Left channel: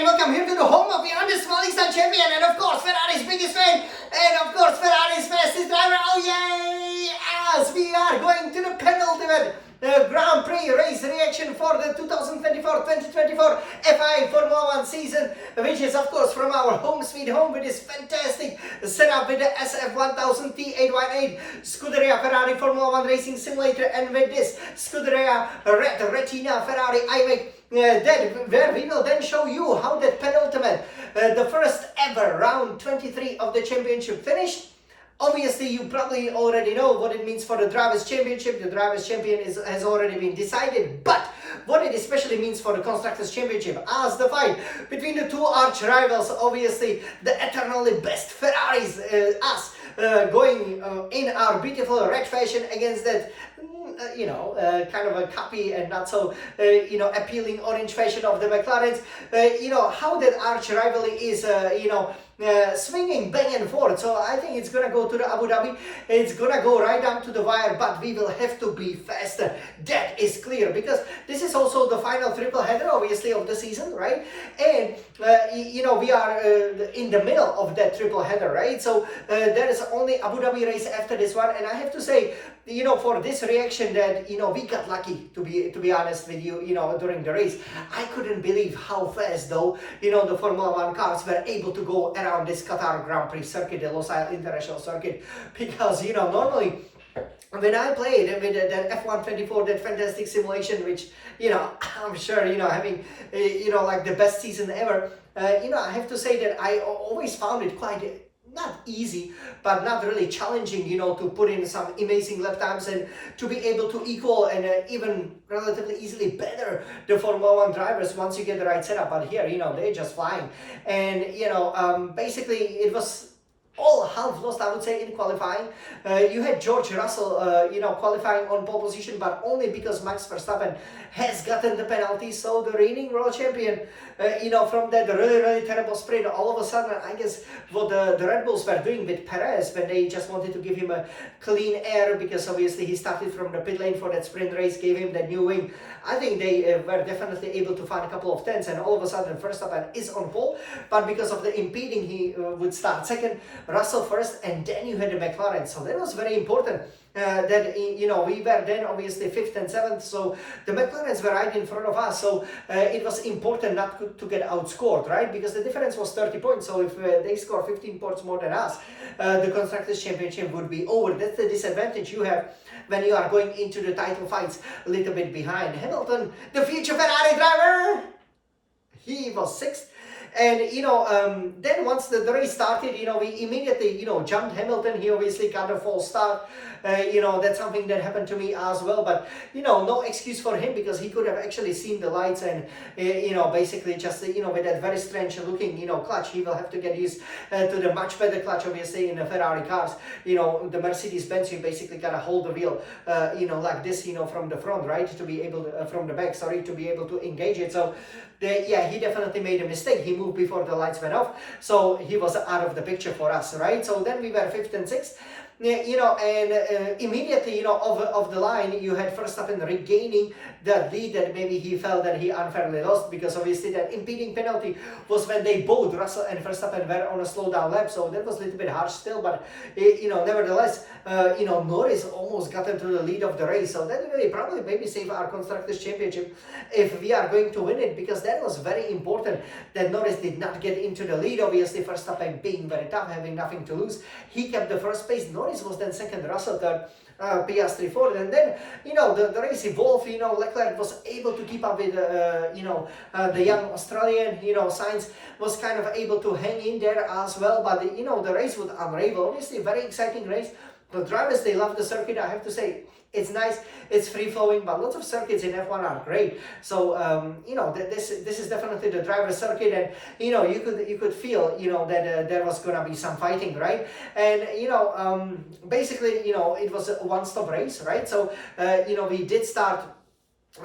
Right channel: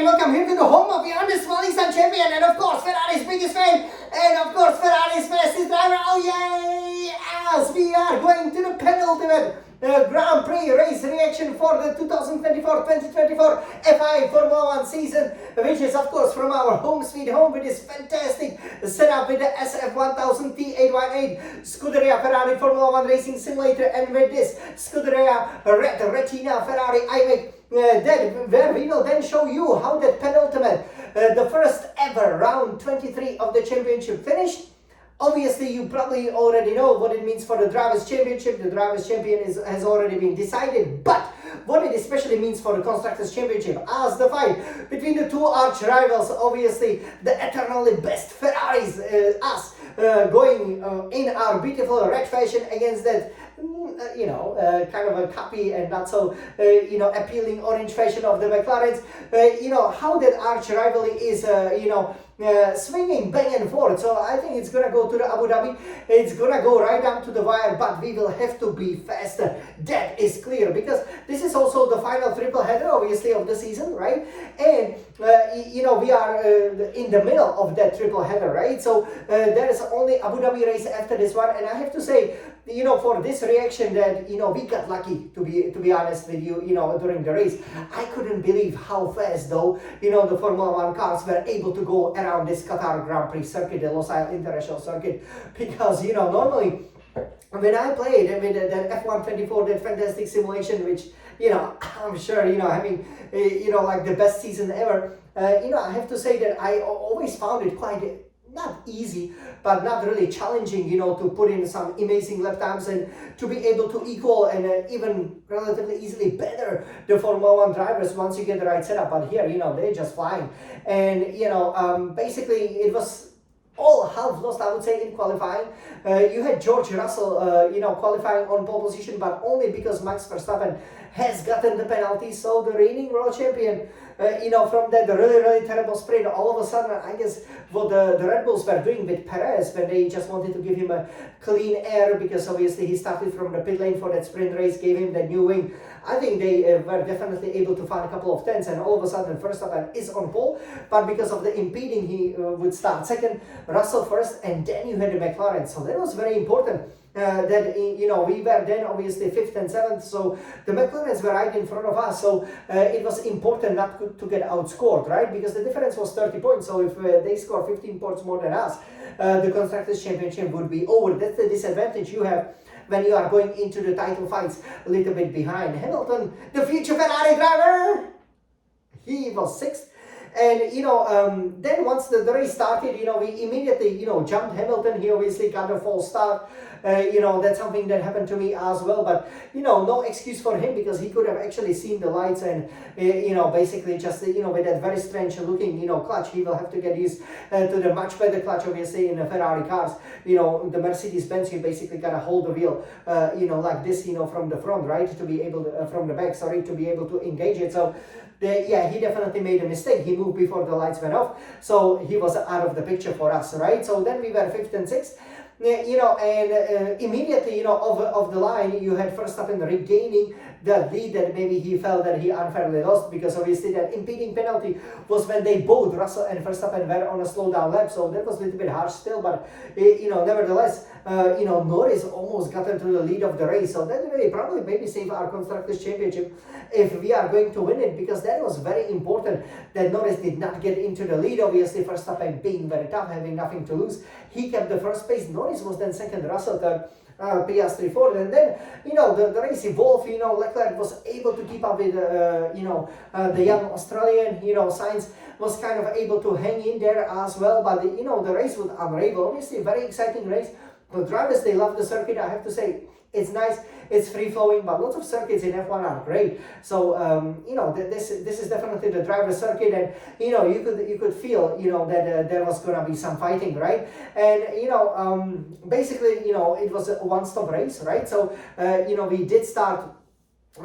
and welcome here to the home of the undisputed champion and of course Ferrari's biggest fan and of course Ferrari's fastest driver. Oh yay! As we are going to the penultimate Grand Prix race reaction for the 2024-2024 FI Formula 1 season, which is of course from our home sweet home with this fantastic setup with the SF1000 T818 Scuderia Ferrari Formula 1 Racing Simulator, and with this Scuderia Red Retina Ferrari iMac where we will then show you how that penultimate, the first ever round 23 of the championship finished. Obviously, you probably already know what it means for the Drivers' Championship. The Drivers' Champion has already been decided, but what it especially means for the Constructors' Championship as the fight between the two arch rivals, obviously the eternally best Ferraris, us going in our beautiful red fashion against that kind of a copy and not so appealing orange fashion of the McLarens. How that arch rivalry is swinging back and forth. So I think it's gonna go to the Abu Dhabi. It's gonna go right down to the wire, but we will have to be faster. That is clear, because this is also the final triple header, obviously, of the season, right? And we are in the middle of that triple header, right? So there is only Abu Dhabi race after this one, and I have to say, for this reaction that we got lucky, to be honest with you, during the race. I couldn't believe how fast though the Formula 1 cars were able to go around this Qatar Grand Prix circuit, the Losail International Circuit, because normally when I played with that F124, that fantastic simulation, which I'm sure having like the best season ever, I have to say that I always found it quite not easy, but not really challenging, to put in some amazing lap times and to be able to equal and even relatively easily better the Formula 1 drivers once you get the right setup. But here, they're just flying. And, basically it was all half lost, I would say, in qualifying. You had George Russell, qualifying on pole position, but only because Max Verstappen has gotten the penalty. So the reigning world champion, from that really, really terrible sprint, all of a sudden, I guess what the Red Bulls were doing with Perez when they just wanted to give him a clean air, because obviously he started from the pit lane for that sprint race, gave him that new wing. I think they were definitely able to find a couple of tenths, and all of a sudden Verstappen is on pole, but because of the impeding, he would start second, Russell first, and then you had the McLaren. So that was very important. That we were then obviously 5th and 7th, so the McLarens were right in front of us. So it was important not to get outscored, right? Because the difference was 30 points. So if they score 15 points more than us, the Constructors' Championship would be over. That's the disadvantage you have when you are going into the title fights a little bit behind. Hamilton, the future Ferrari driver, he was 6th. And then once the race started, we immediately jumped Hamilton. He obviously got a false start. That's something that happened to me as well, but no excuse for him, because he could have actually seen the lights and basically just with that very strange looking clutch, he will have to get used to the much better clutch, obviously, in the Ferrari cars. The Mercedes-Benz, you basically gotta hold the wheel like this, from the front, right, to be able to from the back, sorry, to be able to engage it. So he definitely made a mistake. He moved before the lights went off, so he was out of the picture for us, right? So then we were 5th and 6th. And immediately, of the line, you had Verstappen regaining that lead that maybe he felt that he unfairly lost, because obviously that impeding penalty was when they both, Russell and Verstappen, were on a slow down lap. So that was a little bit harsh still, but nevertheless, Norris almost got into the lead of the race. So that really probably maybe save our Constructors' Championship if we are going to win it, because that was very important that Norris did not get into the lead. Obviously, Verstappen being very tough, having nothing to lose, he kept the first place. Norris was then second, Russell third, Piastri fourth, and then the race evolved. Leclerc was able to keep up with the young Australian. Sainz was kind of able to hang in there as well, but the race would unravel. Obviously, a very exciting race. The drivers, they love the circuit. I have to say, it's nice, it's free flowing, but lots of circuits in F1 are great. So this is definitely the driver circuit, and you could feel that there was gonna be some fighting, right? And basically it was a one-stop race, right? So we did start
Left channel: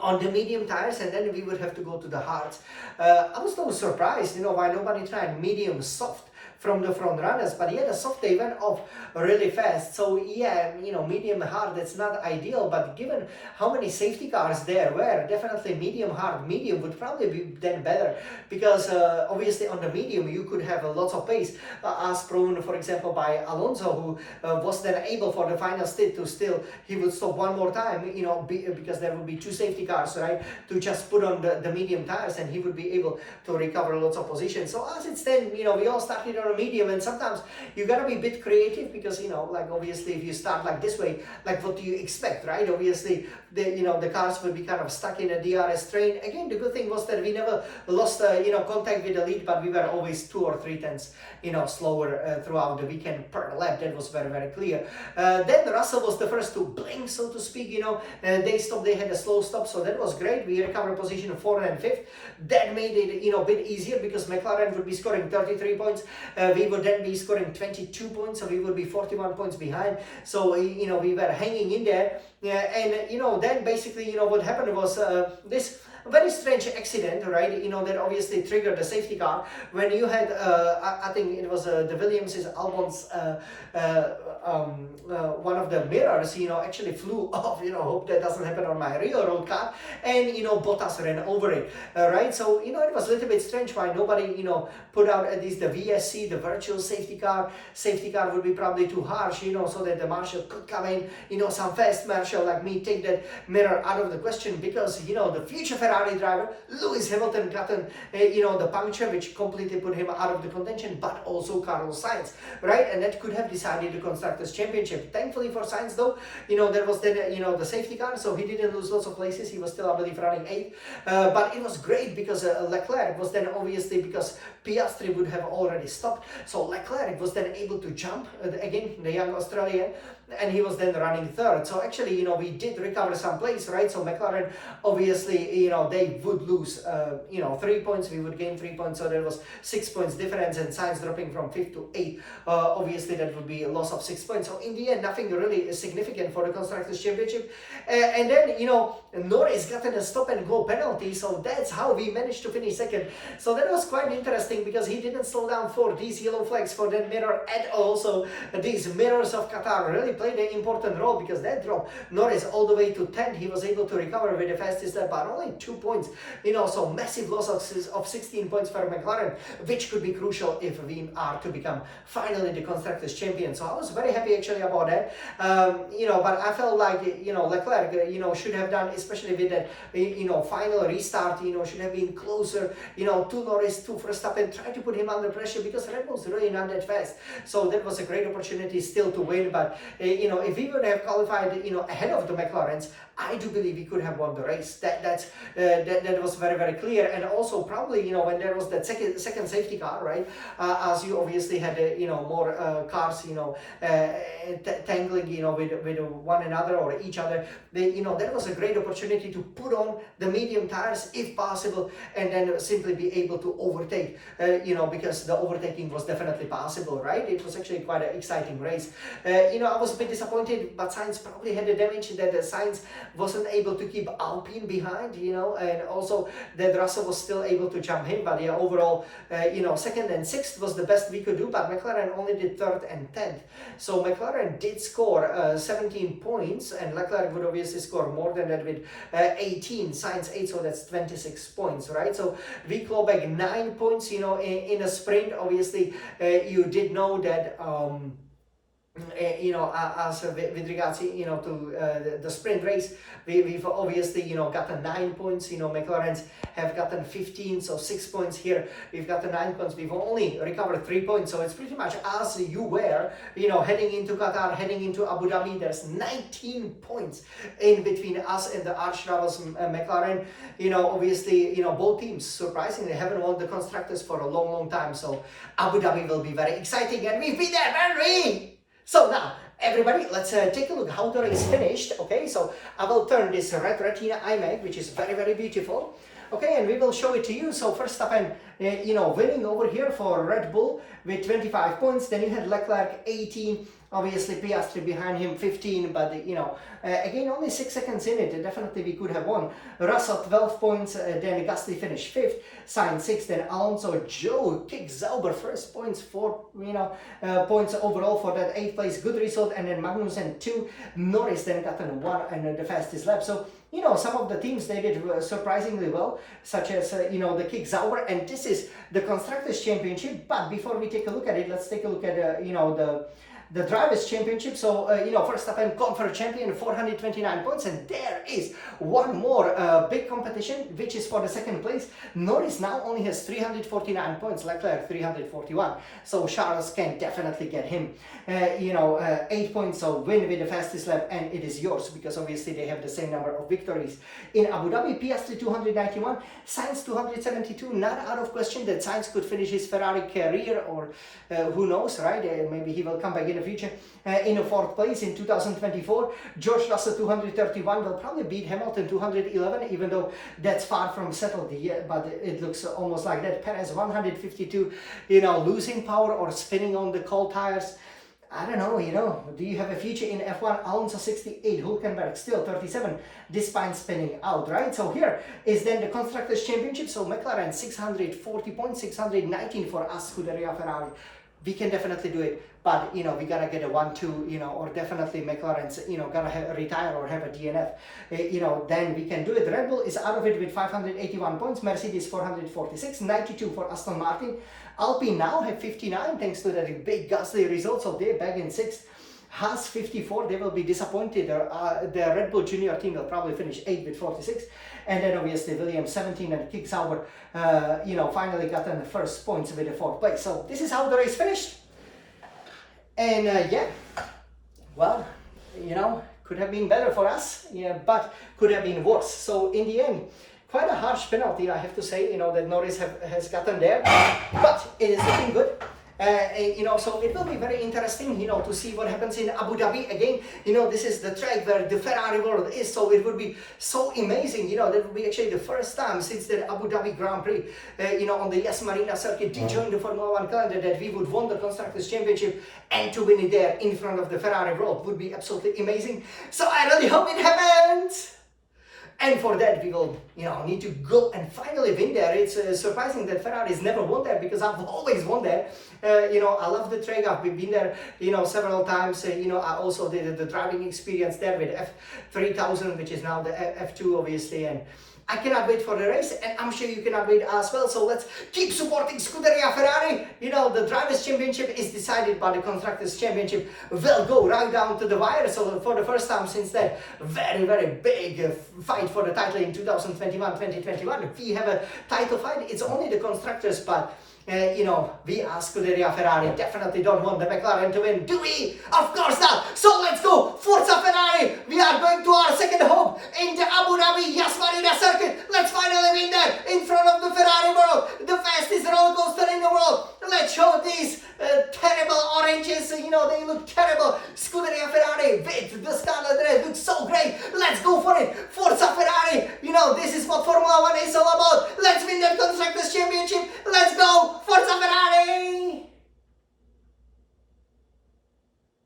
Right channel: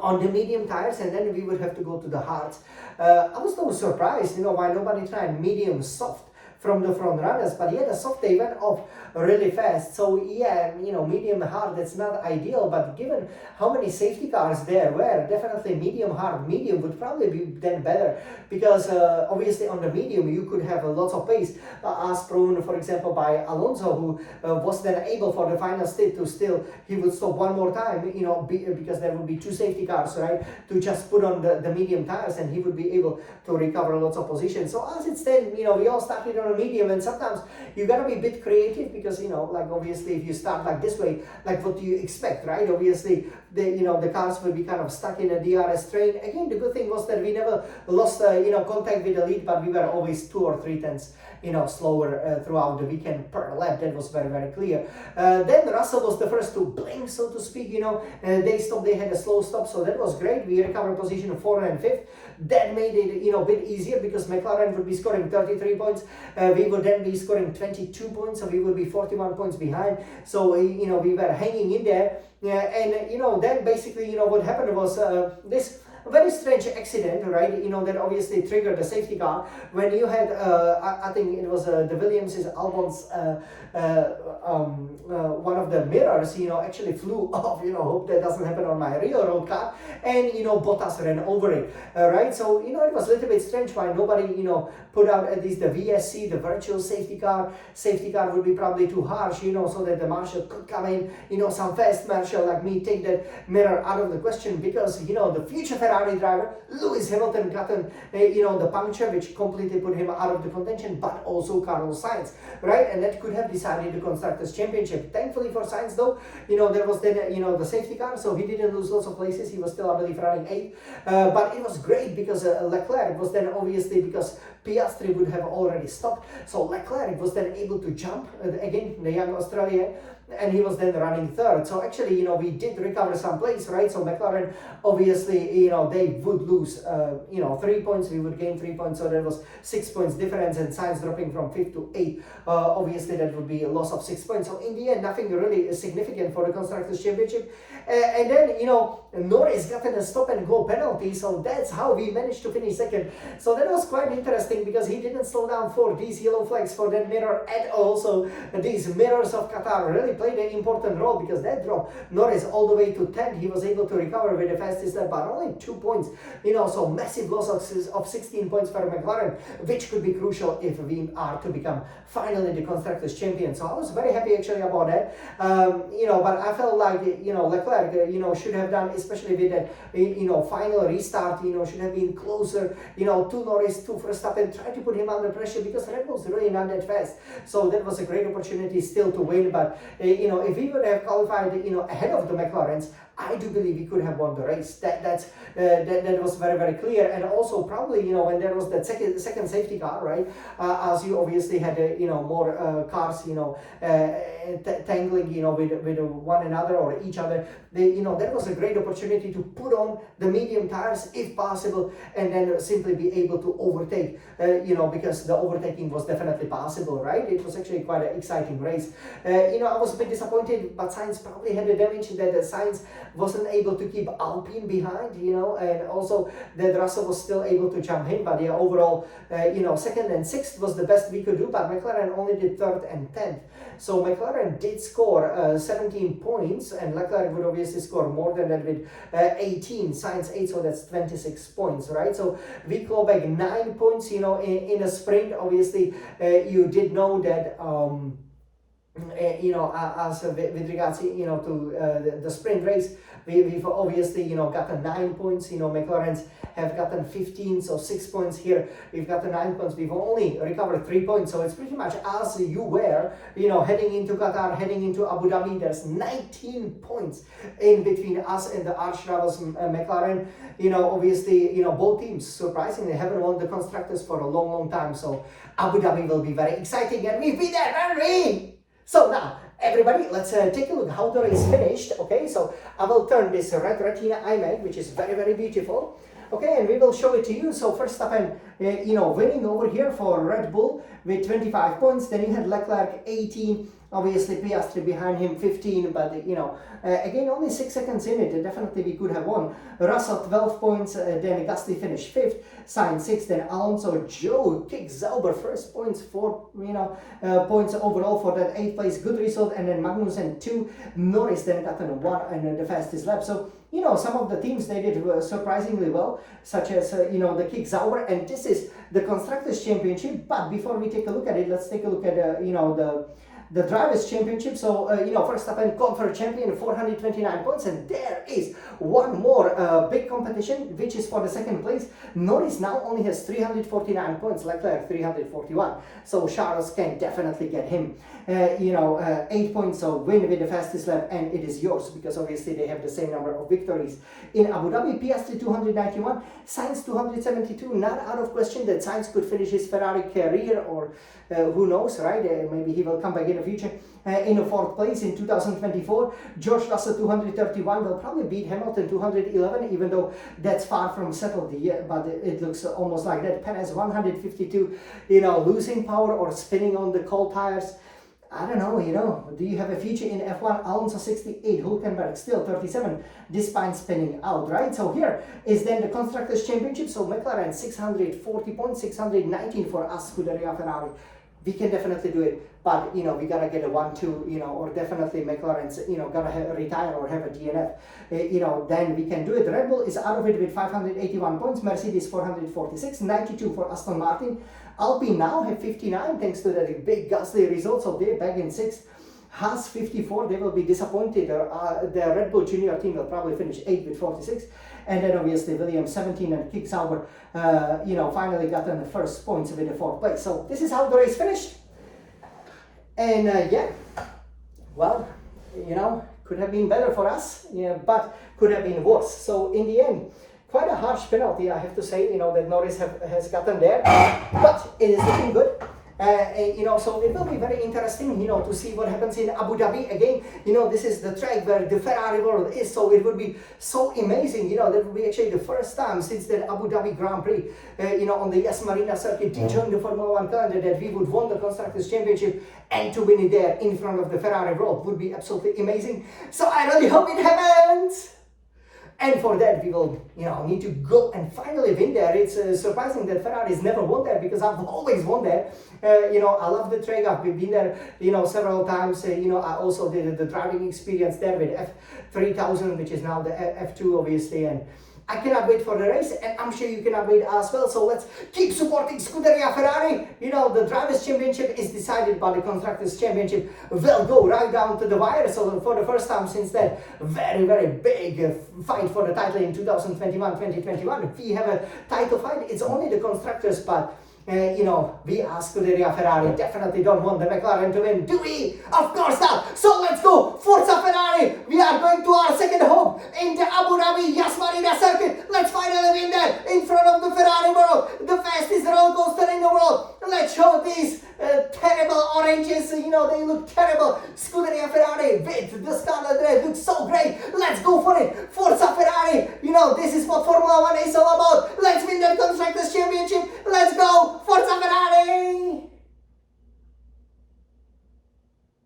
on the medium tires, and then we would have to go to the hards. I was so surprised, why nobody tried medium soft from the front runners, but yeah, the soft they went off really fast. So yeah, medium hard, that's not ideal, but given how many safety cars there were, definitely medium hard, medium would probably be then better, because obviously on the medium you could have lots of pace, as proven for example by Alonso, who was then able for the final stint to still, he would stop one more time, because there would be two safety cars, right, to just put on the medium tires, and he would be able to recover lots of positions. So as it's then, we all started on a medium, and sometimes you gotta be a bit creative, because like obviously if you start like this way, like what do you expect, right? Obviously the cars will be kind of stuck in a DRS train. Again, the good thing was that we never lost contact with the lead, but we were always 2 or 3 tenths slower throughout the weekend per lap. That was very, very clear. Then Russell was the first to blink, so to speak. They stopped, they had a slow stop, so that was great. We recovered position 4th and 5th. That made it a bit easier, because McLaren would be scoring 33 points. We would then be scoring 22 points, so we would be 41 points behind. So we were hanging in there. And then basically what happened was this very strange accident, right? That obviously triggered the safety car when you had I think it was the Williams' Albon's one of the mirrors actually flew off. Hope that doesn't happen on my real road car, and Bottas ran over it, right? So it was a little bit strange why nobody put out at least the VSC, the virtual safety car. Safety car would be probably too harsh, so that the marshal could come in, some fast marshal like me, take that mirror out of the question, because the future Ferrari driver Lewis Hamilton got the puncture, which completely put him out of the contention, but also Carlos Sainz, right? And that could have decided the Constructors' Championship. Thankfully for Sainz though, there was then the safety car, so he didn't lose lots of places. He was still, I believe, running 8th, but it was great because Leclerc was then obviously, because Piastri would have already stopped, so Leclerc was then able to jump again, the young Australian, and he was then running 3rd. So actually, we did recover some place, right? So McLaren, obviously, they would lose, 3 points, we would gain 3 points, so there was 6 points difference, and Sainz dropping from 5th to 8th. Obviously, that would be a loss of 6 points. So in the end, nothing really significant for the Constructors' Championship. And then, Norris got in a stop and go penalty, so that's how we managed to finish 2nd. So that was quite interesting, because he didn't slow down for these yellow flags for that mirror at all. So these mirrors of Qatar really played an important role, because that dropped Norris all the way to 10th. He was able to recover with the fastest lap, but only 2 points. So massive loss of 16 points for McLaren, which could be crucial if we are to become finally the Constructors' Champion. So I was very happy actually about that. But I felt like Leclerc, should have done, especially with that final restart, should have been closer, to Norris, to Verstappen, try to put him under pressure, because Red Bull's really not that fast. So that was a great opportunity still to win. But if we would have qualified, ahead of the McLarens, I do believe we could have won the race. That was very, very clear. And also probably, when there was that second safety car, right, as you obviously had, more cars, tangling, with one another or each other, that was a great opportunity to put on the medium tires if possible, and then simply be able to overtake, because the overtaking was definitely possible, right? It was actually quite an exciting race. I was a bit disappointed, but Sainz probably had the damage that Sainz wasn't able to keep Alpine behind, and also that Russell was still able to jump him. But yeah, overall, 2nd and 6th was the best we could do, but McLaren only did 3rd and 10th. So McLaren did score 17 points, and Leclerc would obviously score more than that with 18, Sainz 8, so that's 26 points, right? So we claw back 9 points, in a sprint. Obviously, you did know that as with regards, to the sprint race, we've obviously, gotten 9 points. McLaren's have gotten 15, so 6 points here. We've gotten 9 points. We've only recovered 3 points, so it's pretty much as you were, heading into Qatar, heading into Abu Dhabi. There's 19 points in between us and the arch rivals McLaren. Obviously, both teams surprisingly haven't won the constructors for a long, long time. So Abu Dhabi will be very exciting, and we've been there, haven't we? So now, everybody, let's take a look how the race finished. Okay, so I will turn this red retina iMac, which is very, very beautiful. Okay, and we will show it to you. So Verstappen, winning over here for Red Bull with 25 points. Then you had Leclerc 18, obviously Piastri behind him 15, but again only 6 seconds in it. Definitely we could have won. Russell 12 points, then Gasly finished 5th, Sainz 6th, then Alonso, Joe kicked Sauber first points, 4 points overall for that 8th place, good result, and then Magnussen 2, Norris then got on 1 and the fastest lap. So some of the teams, they did surprisingly well, such as the kick Sauber, and this is the Constructors' Championship. But before we take a look at it, let's take a look at the Drivers' Championship. So Verstappen Confer champion, 429 points, and there is one more big competition, which is for the 2nd place. Norris now only has 349 points, Leclerc 341. So Charles can definitely get him 8 points, so win with the fastest lap, and it is yours because obviously they have the same number of victories. In Abu Dhabi, Piastri 291, Sainz 272. Not out of question that Sainz could finish his Ferrari career, or who knows, right? Maybe he will come back in the future. In the 4th place in 2024, George Russell 231 will probably beat Hamilton 211, even though that's far from settled yet, but it looks almost like that. Perez 152, losing power or spinning on the cold tires. I don't know, do you have a future in F1? Alonso 68, Hülkenberg still 37, despite spinning out, right? So here is then the Constructors' Championship. So McLaren 640 points, 619 for us, Scuderia Ferrari. We can definitely do it, but we gotta get a 1-2, or definitely McLaren's, gotta retire or have a DNF, then we can do it. Red Bull is out of it with 581 points, Mercedes 446, 92 for Aston Martin. Alpine now have 59 thanks to that big Gasly result, so they're back in 6th. Haas 54, they will be disappointed. The Red Bull Junior team will probably finish 8th with 46. And then obviously Williams 17 and Kick Sauber, finally got in the first points with the 4th place. So this is how the race finished. And could have been better for us, but could have been worse. So in the end, quite a harsh penalty, I have to say, that Norris has gotten there, but it is looking good. So it will be very interesting, to see what happens in Abu Dhabi. Again, this is the track where the Ferrari world is, so it would be so amazing, that would be actually the first time since the Abu Dhabi Grand Prix, on the Yas Marina circuit to join the Formula 1 calendar, that we would win the Constructors' Championship and to win it there in front of the Ferrari world would be absolutely amazing. So I really hope it happens. And for that, we will, need to go and finally win there. It's surprising that Ferrari's never won there because I've always won there. I love the track. I've been there, several times. I also did the driving experience there with F3000, which is now the F2, obviously. And I cannot wait for the race, and I'm sure you cannot wait as well. So let's keep supporting Scuderia Ferrari. The Drivers' Championship is decided, but the Constructors' Championship will go right down to the wire. So for the first time since that very, very big fight for the title in 2021, we have a title fight. It's only the Constructors, but we as Scuderia Ferrari definitely don't want the McLaren to win, do we? Of course not. So let's go, Forza Ferrari. We are going to our second home in the Abu Dhabi Yas Marina circuit. Let's finally win there in front of the Ferrari world, the fastest roller coaster in the world. Let's show these terrible oranges, they look terrible. Scuderia Ferrari with the scarlet red looks so great. Let's go for it. Forza Ferrari, this is what Formula 1 is all about. Let's win that Constructors' Championship